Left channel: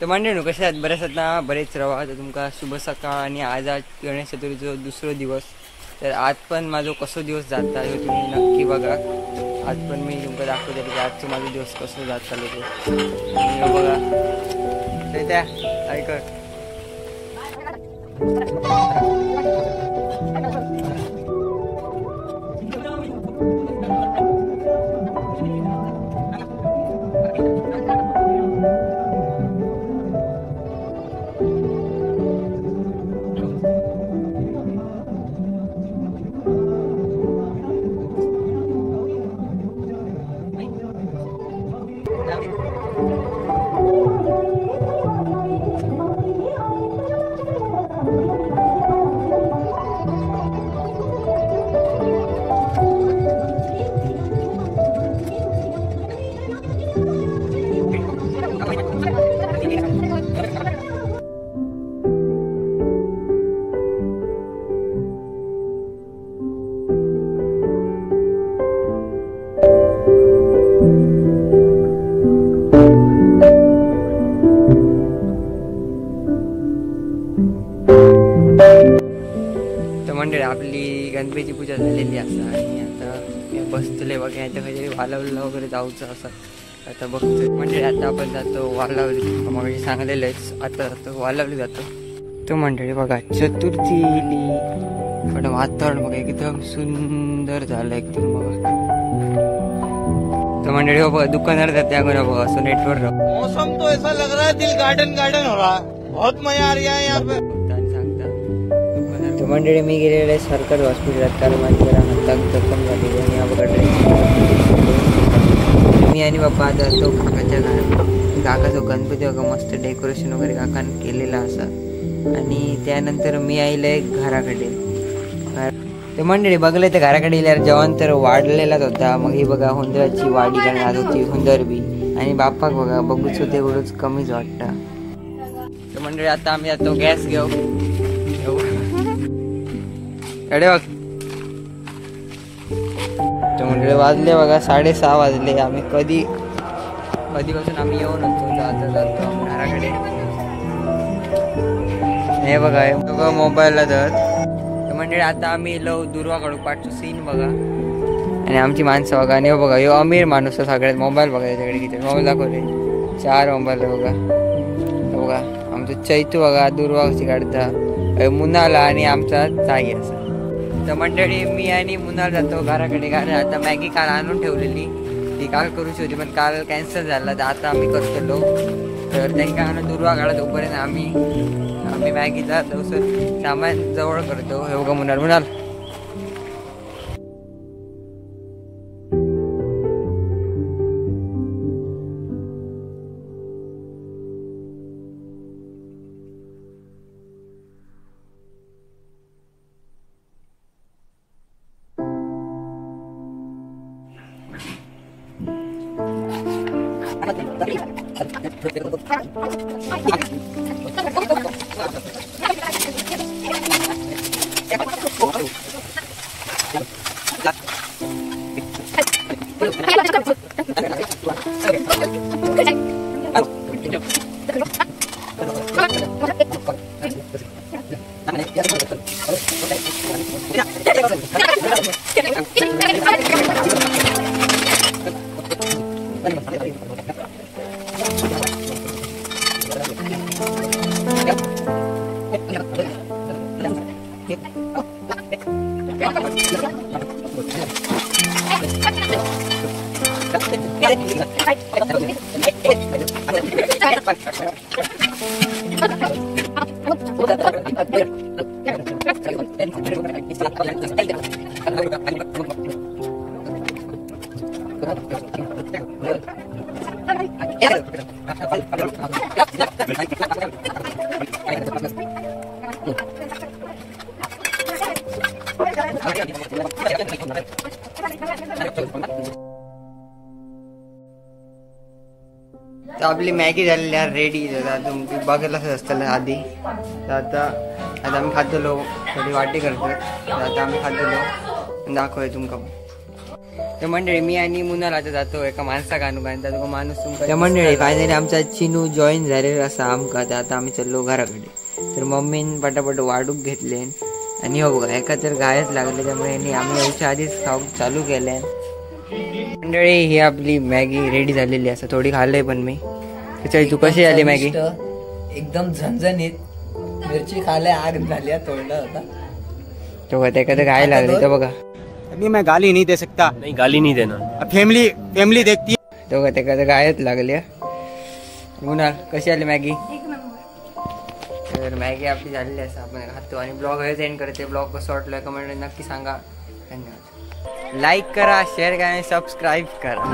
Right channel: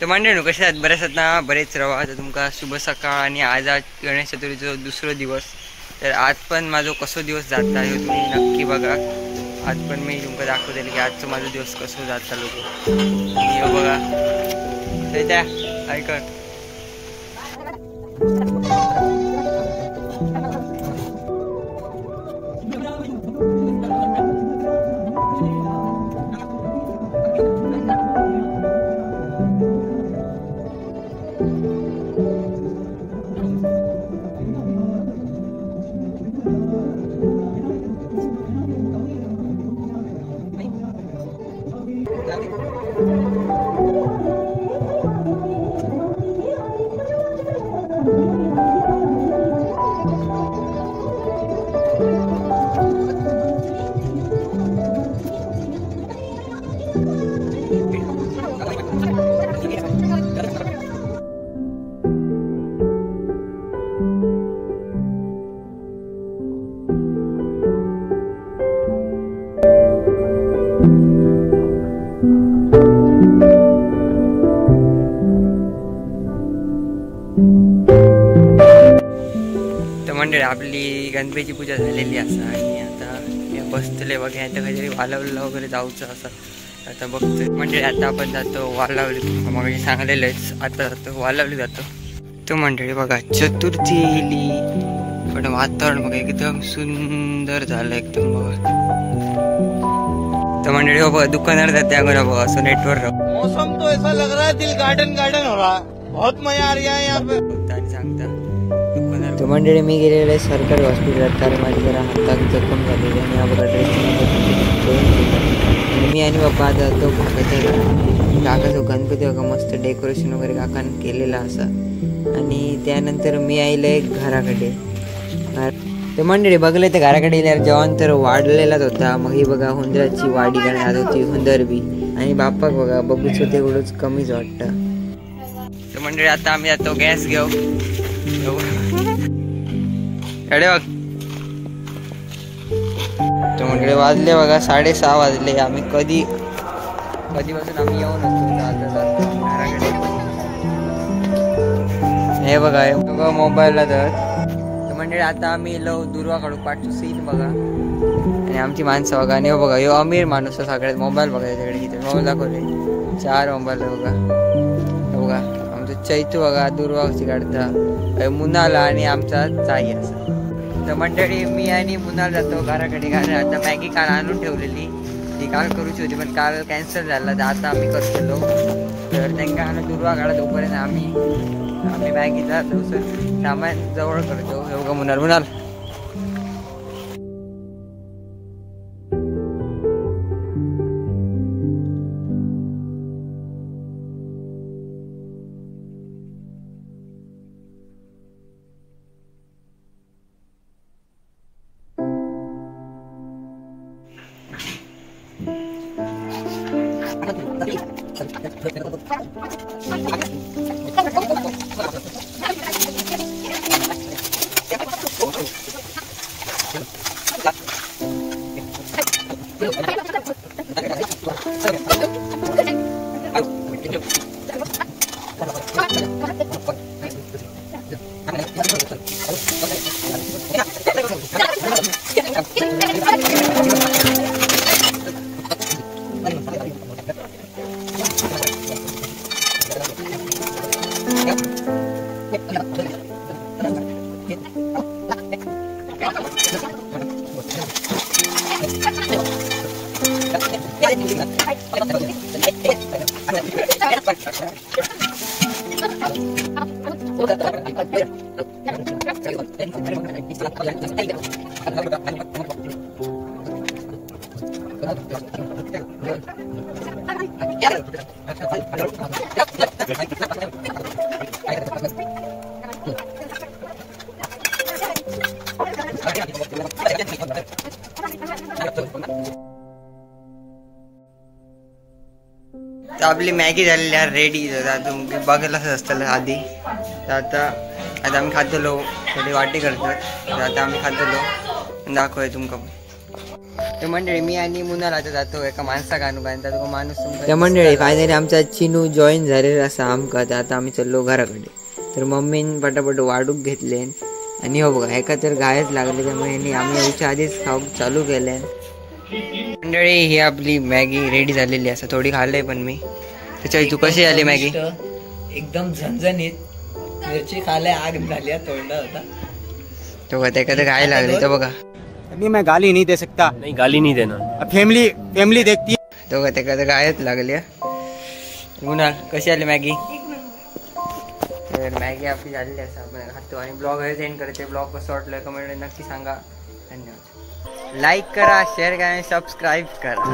तर मंडळी कशा आहेत, बरेच आहेत ना, बरेच रवा. तर तुमका शुभ सकाळ. आणि आज गणेश चतुर्थीचो दुसरो दिवस. तर आज पण माझो कसो दिवस जाता हे तुम्ही नक्की बघा. आज पण मी तुमका दाखवतले की आजचो माझा दिवस कसो जाता लोक. आणि बघा त्या ऐकत मंडळी आपली गणपतीची पूजा झालेली असा. आणि आता बसतले बघा, आता काहीतरी वालावलीला वगैरे जाऊचं असं. आता बघतोय मंडळी, आता आपण जातो वालावली. मग सांगलेलंच आता जातो वालावली जातो. तो मंडळी बघा चतुर्थी येईली, पण वातावरण बघा एकदम सुंदर झालं एकदम बघा. तो मंडळी हो बघा दुकानदार जाते अगोदर बघा असं नेटवर्क. मौसम तो ऐसा लग रहा है दिल गार्डन गार्डन हो रहा, बहुत मजा आ रहा है यहाँ पे. तो मंडळी मी गेलेले सरकारी हॉस्पिटलात, कारण माझी जरा हातात जखम झालेली. आणि बघा ड्रेसिंग मी आणि बाप्पा आता तो काकाचा गणपती बघा मस्त डेकोरेशन वगैरे काकान केलेला असा. आणि त्यानंतर मी आईले घराकडे. ते मंडळी बघले ते घराकडे गेल्यावर जेवण तर वाढलेलाच होता. मग ही बघा हुंदराची वाडी करण्यात होती, हुंदर बी. आणि बाप्पाक बघा बघूच होते एवढंच कमीच वाटतं. तर मंडळी आता आम्ही जातो गॅस घेऊ. अरे बघ तर मंडळी वाजले बघा 6:30 वाजले. आम्ही कधीपासून आम्ही येऊन होतो जातो घराकडे. हे बघा मोबाईलला तर मंडळी आता आम्ही दुर्वा काढू पाठचो सीन बघा. आणि आमची माणसं बघा. आणि बघा यो अमीर माणूस सगळ्यात मोबाईल बघा. याच्याकडे किती मोबाईल दाखवले, 4 मोबाईल बघा. बघा आमचं चैतू बघा दुर्वा कशी काढता मुनाला. आणि आमचा चागी असं. तर मंडळी मी आणि मुनाल जातो घराकडे. कारण आता मॅगी काल आणून ठेवलेली, ती काल करूची होती पण काल कॅन्सल झाला. तर आता आम्ही करतलो. तर त्यांना दुर्वा काढा तोपर्यंत आम्ही मॅगीचा सामान जवळ करतो. हे बघा मुनाल आपली मॅगी झालेली आहे रेडी. तुम्ही बघायलाच असतं आधी. तर आता आम्ही खातलो, थोडी वाटी करतात. तर आता आम्ही खातलो दाखवूया तुमका पण. तर मंडळी मी आणि मुनाल आता जातो एका माणसा गाणू गायन तो माणूस तुमका. तर मंडळी फायनली आमचा चिनू जॉईन झालेला असा आमका. आता आम्ही चाललो घराकडे. तर मम्मीन पटापट वाढूक घेतले आणि हो बघा एका तर गायच लागले त्यामुळे आम्ही याच्या आधीच खाऊ चालू केले. मंडळी ही आपली मॅगी रेडी झालेली असं थोडी खाल्लंय पण मी. त्याच्यावेळी तू कशी आली मॅगी? एकदम झणझणीत मिरची खाले आग झाली तोंडा होता तो एखादं गाय लागली तर बघा. अभी मैं गाली नहीं दे सकता. नहीं गाली नहीं देना. अब फैमिली देखती है. तो एखादं गायच लागली. मुनाल कशी आली मॅगी? तर मॅगी आपली झालेली असं आपण खातो आणि ब्लॉग हे एंड करते. ब्लॉग कसं वाटलं कमेंट नक्की सांगा. धन्यवाद. लाईक करा, शेअर करा आणि सबस्क्राईब करा.